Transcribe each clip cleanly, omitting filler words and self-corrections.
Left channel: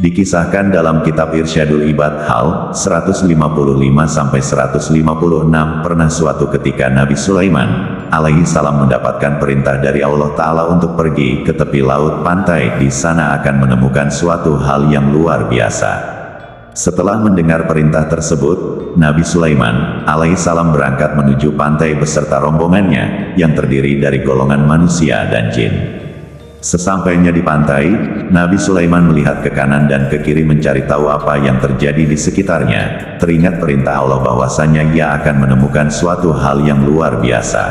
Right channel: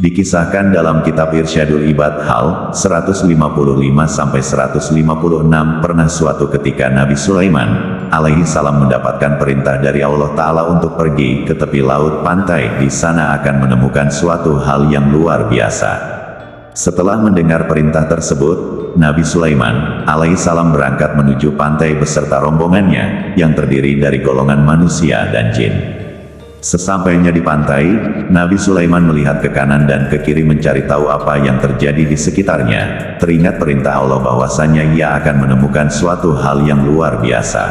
Dikisahkan dalam kitab Irsyadul Ibad hal 155-156 pernah suatu ketika Nabi Sulaiman alaihi salam mendapatkan perintah dari Allah Ta'ala untuk pergi ke tepi laut pantai. Di sana akan menemukan suatu hal yang luar biasa. Setelah mendengar perintah tersebut, Nabi Sulaiman alaihi salam berangkat menuju pantai beserta rombongannya yang terdiri dari golongan manusia dan jin. Sesampainya di pantai, Nabi Sulaiman melihat ke kanan dan ke kiri mencari tahu apa yang terjadi di sekitarnya. Teringat perintah Allah bahwasanya ia akan menemukan suatu hal yang luar biasa.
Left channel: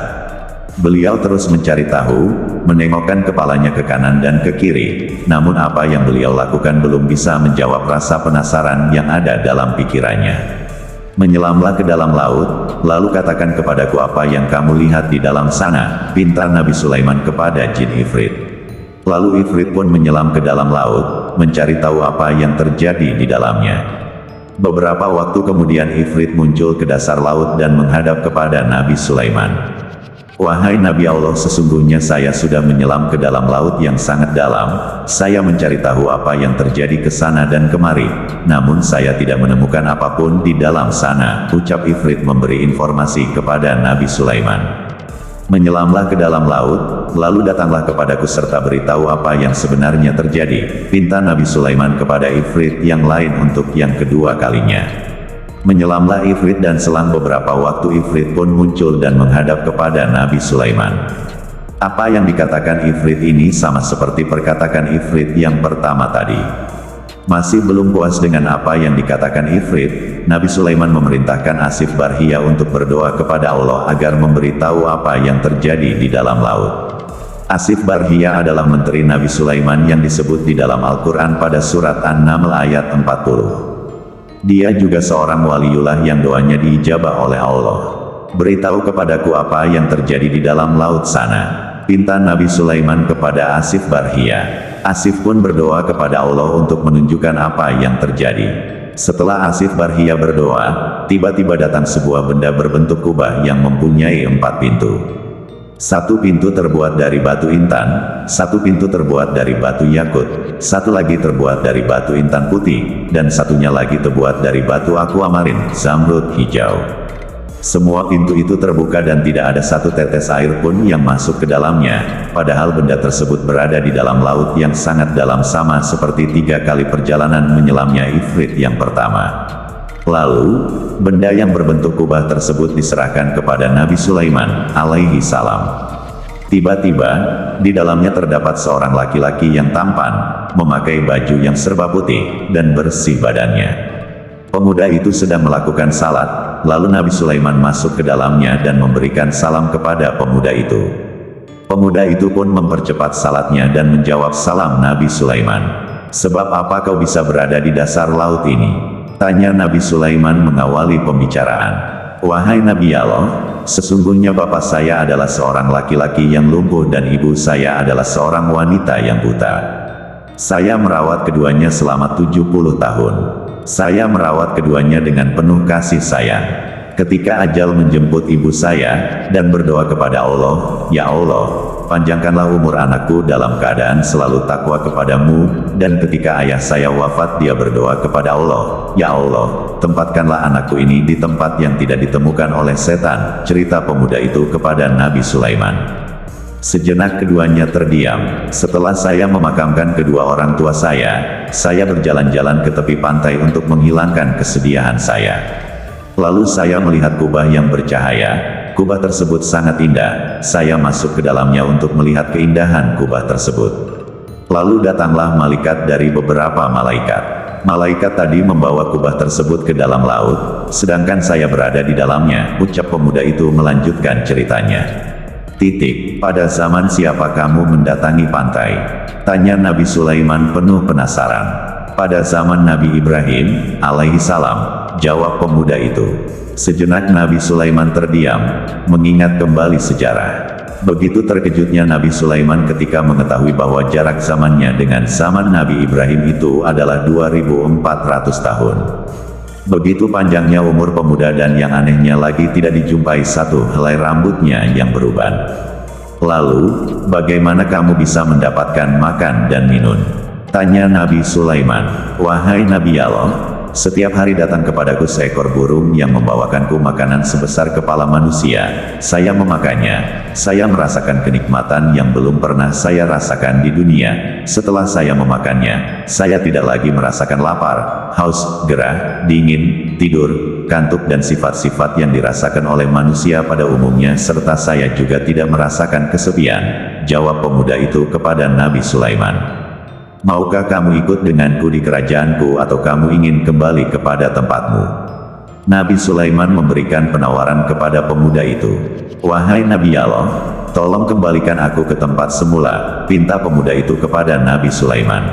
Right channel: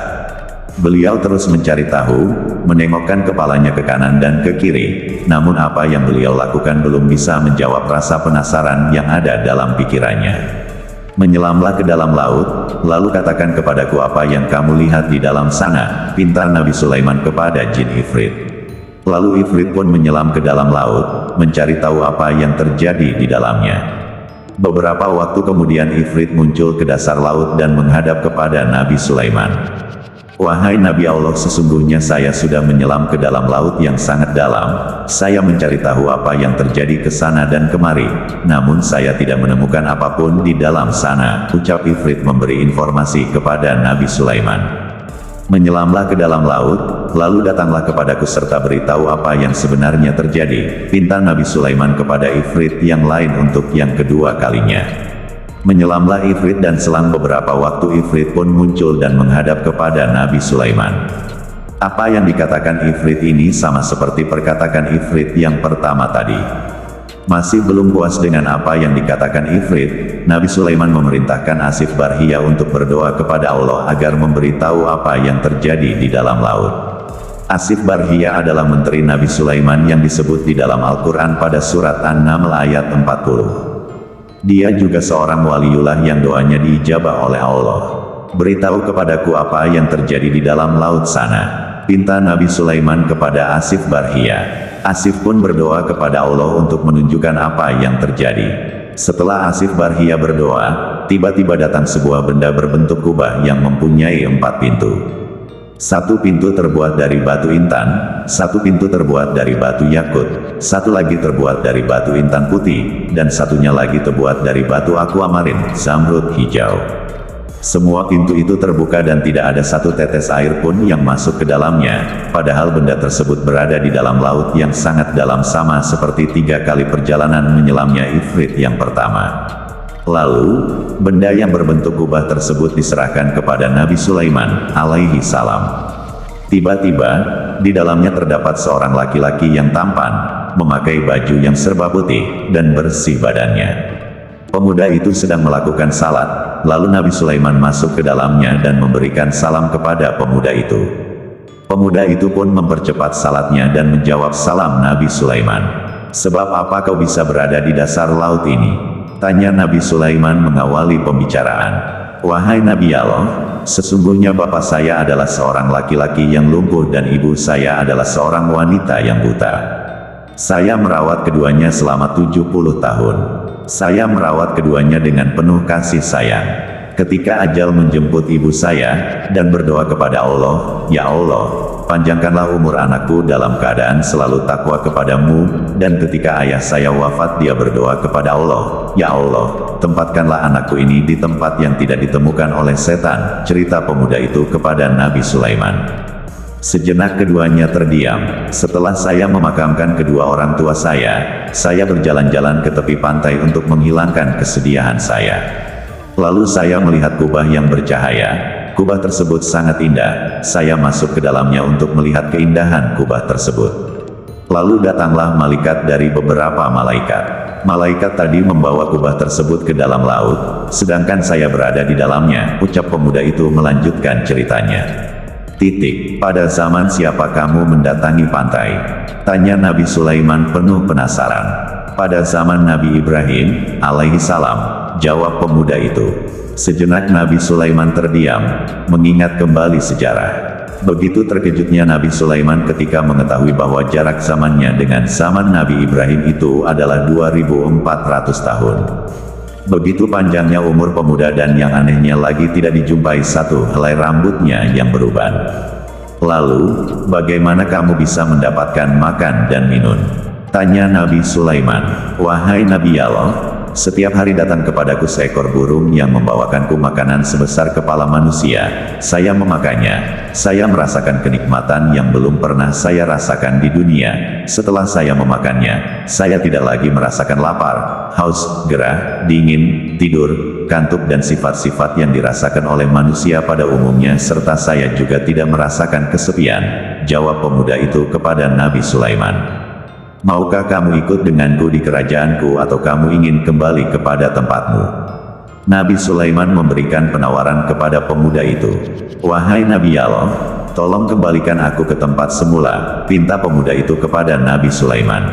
Beliau terus mencari tahu, menengokkan kepalanya ke kanan dan ke kiri. Namun apa yang beliau lakukan belum bisa menjawab rasa penasaran yang ada dalam pikirannya. Menyelamlah ke dalam laut, lalu katakan kepadaku apa yang kamu lihat di dalam sana, pinta Nabi Sulaiman kepada jin Ifrit. Lalu Ifrit pun menyelam ke dalam laut, mencari tahu apa yang terjadi di dalamnya. Beberapa waktu kemudian Ifrit muncul ke dasar laut dan menghadap kepada Nabi Sulaiman. Wahai Nabi Allah, sesungguhnya saya sudah menyelam ke dalam laut yang sangat dalam. Saya mencari tahu apa yang terjadi ke sana dan kemari. Namun saya tidak menemukan apapun di dalam sana, ucap Ifrit memberi informasi kepada Nabi Sulaiman. Menyelamlah ke dalam laut, lalu datanglah kepadaku serta beritahu apa yang sebenarnya terjadi, pinta Nabi Sulaiman kepada Ifrit yang lain untuk yang kedua kalinya. Menyelamlah Ifrit dan selang beberapa waktu Ifrit pun muncul dan menghadap kepada Nabi Sulaiman. Apa yang dikatakan Ifrit ini sama seperti perkataan Ifrit yang pertama tadi. Masih belum puas dengan apa yang dikatakan Ifrit, Nabi Sulaiman memerintahkan Asif Barhia untuk berdoa kepada Allah agar memberitahu apa yang terjadi di dalam laut. Asif Barhia adalah menteri Nabi Sulaiman yang disebut di dalam Al-Quran pada surat An-Naml ayat 40. Dia juga seorang waliullah yang doanya diijabah oleh Allah. Beritahu kepadaku apa yang terjadi di dalam laut sana, pinta Nabi Sulaiman kepada Asif Barhia. Asif pun berdoa kepada Allah untuk menunjukkan apa yang terjadi. Setelah Asif Barhia berdoa, tiba-tiba datang sebuah benda berbentuk kubah yang mempunyai 4 pintu. Satu pintu terbuat dari batu intan, satu pintu terbuat dari batu yakut, satu lagi terbuat dari batu intan putih, dan satunya lagi terbuat dari batu aquamarin, zamrud hijau. Semua pintu itu terbuka dan tidak ada satu tetes air pun yang masuk ke dalamnya, padahal benda tersebut berada di dalam laut yang sangat dalam sama seperti 3 kali perjalanan menyelamnya Ifrit yang pertama. Lalu, benda yang berbentuk kubah tersebut diserahkan kepada Nabi Sulaiman alaihi salam. Tiba-tiba, di dalamnya terdapat seorang laki-laki yang tampan, memakai baju yang serba putih, dan bersih badannya. Pemuda itu sedang melakukan salat, lalu Nabi Sulaiman masuk ke dalamnya dan memberikan salam kepada pemuda itu. Pemuda itu pun mempercepat salatnya dan menjawab salam Nabi Sulaiman. Sebab apa kau bisa berada di dasar laut ini? Tanya Nabi Sulaiman mengawali pembicaraan. Wahai Nabi Allah, sesungguhnya bapak saya adalah seorang laki-laki yang lumpuh dan ibu saya adalah seorang wanita yang buta. Saya merawat keduanya selama 70 tahun. Saya merawat keduanya dengan penuh kasih sayang. Ketika ajal menjemput ibu saya, dan berdoa kepada Allah, Ya Allah, panjangkanlah umur anakku dalam keadaan selalu takwa kepadamu, dan ketika ayah saya wafat dia berdoa kepada Allah, Ya Allah, tempatkanlah anakku ini di tempat yang tidak ditemukan oleh setan, cerita pemuda itu kepada Nabi Sulaiman. Sejenak keduanya terdiam. Setelah saya memakamkan kedua orang tua saya berjalan-jalan ke tepi pantai untuk menghilangkan kesedihan saya. Lalu saya melihat kubah yang bercahaya. Kubah tersebut sangat indah. Saya masuk ke dalamnya untuk melihat keindahan kubah tersebut. Lalu datanglah malaikat dari beberapa malaikat. Malaikat tadi membawa kubah tersebut ke dalam laut, sedangkan saya berada di dalamnya, ucap pemuda itu melanjutkan ceritanya. Pada zaman siapa kamu mendatangi pantai? Tanya Nabi Sulaiman penuh penasaran. Pada zaman Nabi Ibrahim, alaihi salam, jawab pemuda itu. Sejenak Nabi Sulaiman terdiam, mengingat kembali sejarah. Begitu terkejutnya Nabi Sulaiman ketika mengetahui bahwa jarak zamannya dengan zaman Nabi Ibrahim itu adalah 2400 tahun. Begitu panjangnya umur pemuda dan yang anehnya lagi tidak dijumpai satu helai rambutnya yang beruban. Lalu, bagaimana kamu bisa mendapatkan makan dan minum? Tanya Nabi Sulaiman, "Wahai Nabi Allah, setiap hari datang kepadaku seekor burung yang membawakanku makanan sebesar kepala manusia. Saya memakannya. Saya merasakan kenikmatan yang belum pernah saya rasakan di dunia. Setelah saya memakannya, saya tidak lagi merasakan lapar, haus, gerah, dingin, tidur, kantuk dan sifat-sifat yang dirasakan oleh manusia pada umumnya serta saya juga tidak merasakan kesepian." Jawab pemuda itu kepada Nabi Sulaiman, "Maukah kamu ikut denganku di kerajaanku atau kamu ingin kembali kepada tempatmu?" Nabi Sulaiman memberikan penawaran kepada pemuda itu. "Wahai Nabi Allah, tolong kembalikan aku ke tempat semula," pinta pemuda itu kepada Nabi Sulaiman.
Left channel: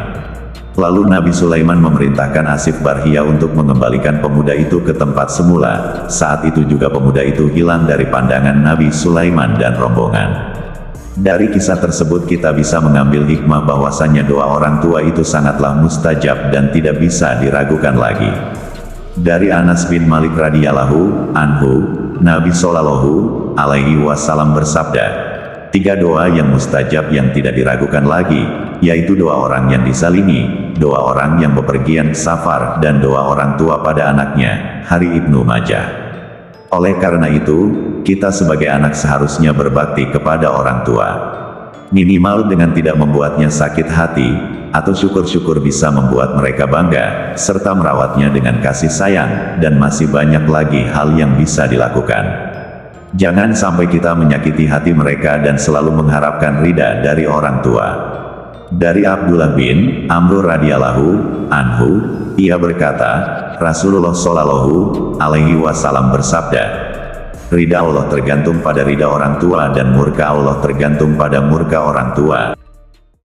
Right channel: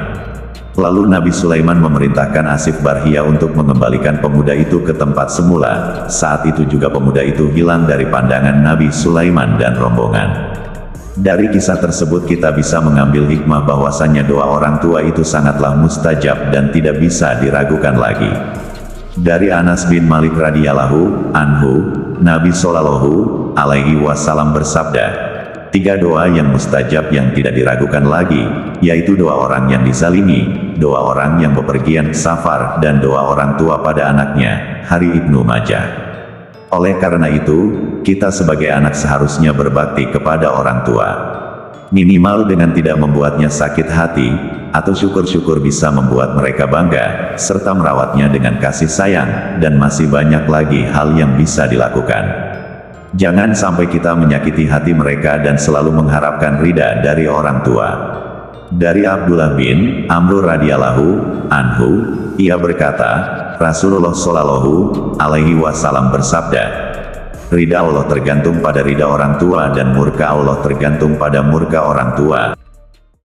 Lalu Nabi Sulaiman memerintahkan Asif Barhia untuk mengembalikan pemuda itu ke tempat semula. Saat itu juga pemuda itu hilang dari pandangan Nabi Sulaiman dan rombongan. Dari kisah tersebut kita bisa mengambil hikmah bahwasannya doa orang tua itu sangatlah mustajab dan tidak bisa diragukan lagi. Dari Anas bin Malik radhiyallahu anhu, Nabi Shallallahu alaihi wasallam bersabda, "Tiga doa yang mustajab yang tidak diragukan lagi, yaitu doa orang yang disalimi, doa orang yang bepergian safar, dan doa orang tua pada anaknya." Hari Ibnu Majah. Oleh karena itu, kita sebagai anak seharusnya berbakti kepada orang tua. Minimal dengan tidak membuatnya sakit hati, atau syukur-syukur bisa membuat mereka bangga, serta merawatnya dengan kasih sayang, dan masih banyak lagi hal yang bisa dilakukan. Jangan sampai kita menyakiti hati mereka dan selalu mengharapkan ridha dari orang tua. Dari Abdullah bin Amr radhiyallahu anhu, ia berkata, Rasulullah Shallallahu alaihi wasallam bersabda, "Ridha Allah tergantung pada ridha orang tua dan murka Allah tergantung pada murka orang tua."